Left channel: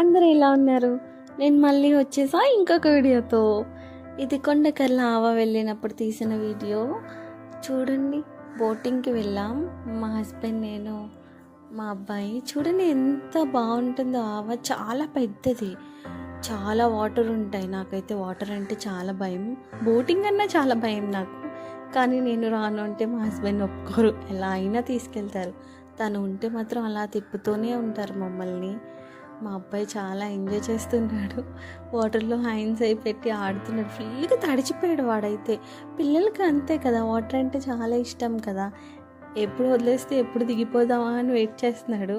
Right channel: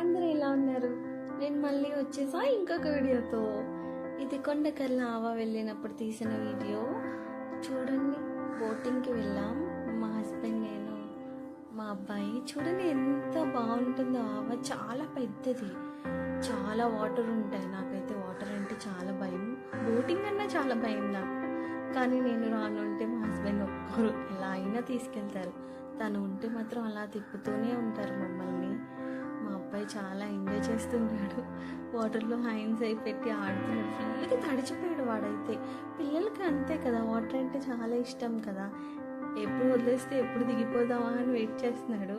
అందరూ ఎలా ఉన్నారు? నేను మళ్ళీ వచ్చేసా ఇంకొక వీడియోతో. ఇది కొండకర్ల ఆవ వెళ్ళినప్పుడు తీసిన వీడియో. చూడండి, బోటింగ్కి వెళ్ళాం మా హస్బెండ్, నేను, మా అబ్బాయి. చూడండి ఎంత బాగుంటుందో. ఆవ చాలా పెద్దది, చాలా వాటర్ ఉంటాయి. నాకైతే వాటర్ అంటే చాలా భయం, బోటింగ్ అన్నా చాలా భయం నాకు. కానీ నేను రాను అంటే మా హస్బెండ్ ఒప్పుకోరు, ఎలా అయినా తీసుకెళ్తారు. తను ఉంటే మాత్రం అలా తిప్పుతూనే ఉంటారు మమ్మల్ని. మా అబ్బాయి చాలా ఎంజాయ్ చేస్తున్నాడు, వాటర్లో హ్యాండ్స్ అయి పెట్టి ఆడుతున్నాడు. ఫుల్గా తడిచిపోయాడు వాడైతే. పిల్లలకి అంతే కదా, వాటర్ అంటే చాలా ఇష్టం కదా. ఎప్పుడు వదిలేస్తే ఎప్పుడు దిగిపోదామా అని వెయిట్ చేస్తున్నాడు.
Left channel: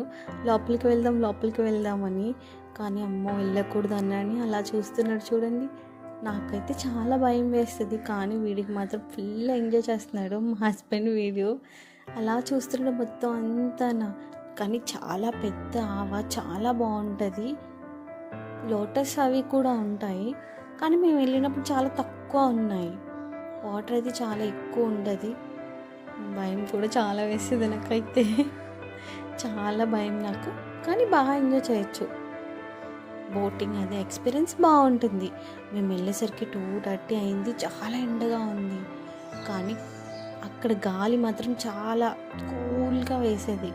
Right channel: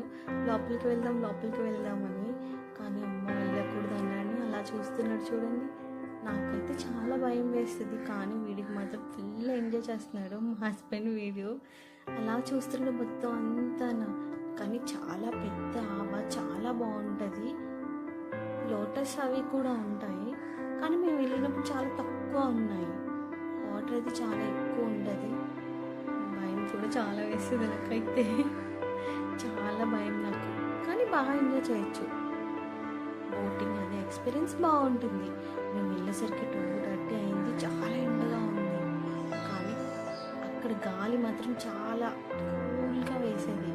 లోపలికి వెళ్దామని. కానీ అమ్మో వెళ్ళకూడదు అన్నని అలా చూస్తున్నాడు. చూడండి, నాకైతే చాలా భయం వేస్తుంది, కానీ వీడికి మాత్రం ఫుల్ ఎంజాయ్ చేస్తున్నాడు. మా హస్బెండ్ వీడియో అలా చూస్తున్నాడు మొత్తం అంతా. కానీ చాలా పెద్ద ఆవ, చాలా బాగుంటుంది. లోటస్ అవి కూడా ఉంటాయి, కానీ మేము వెళ్ళినప్పుడు చాలా తక్కువ ఉన్నాయి. వాటర్ అయితే చాలా ఎక్కువ ఉంటుంది. భయం కూడా చాలా వేస్తుంది నాకైతే, చాలా భయం నాకు. కానీ బాగా ఎంజాయ్ చేయొచ్చు. బోటింగ్ అది ఎక్స్పీరియన్స్ బాగుంటుంది. మేము వెళ్ళేసరికి 2:30 అయింది, చాలా ఎండగా ఉంది. కానీ అక్కడ గాలి మాత్రం చాలా కూల్గా వేసేది.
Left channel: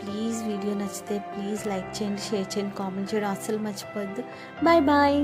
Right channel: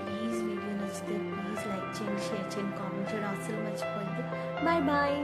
ప్లీజ్ వీడియో నచ్చితే ప్లీజ్ లైక్ చేయండి, షేర్ చేయండి, కామెంట్ చేయడం అస్సలు మర్చిపోవద్దు. Bye bye.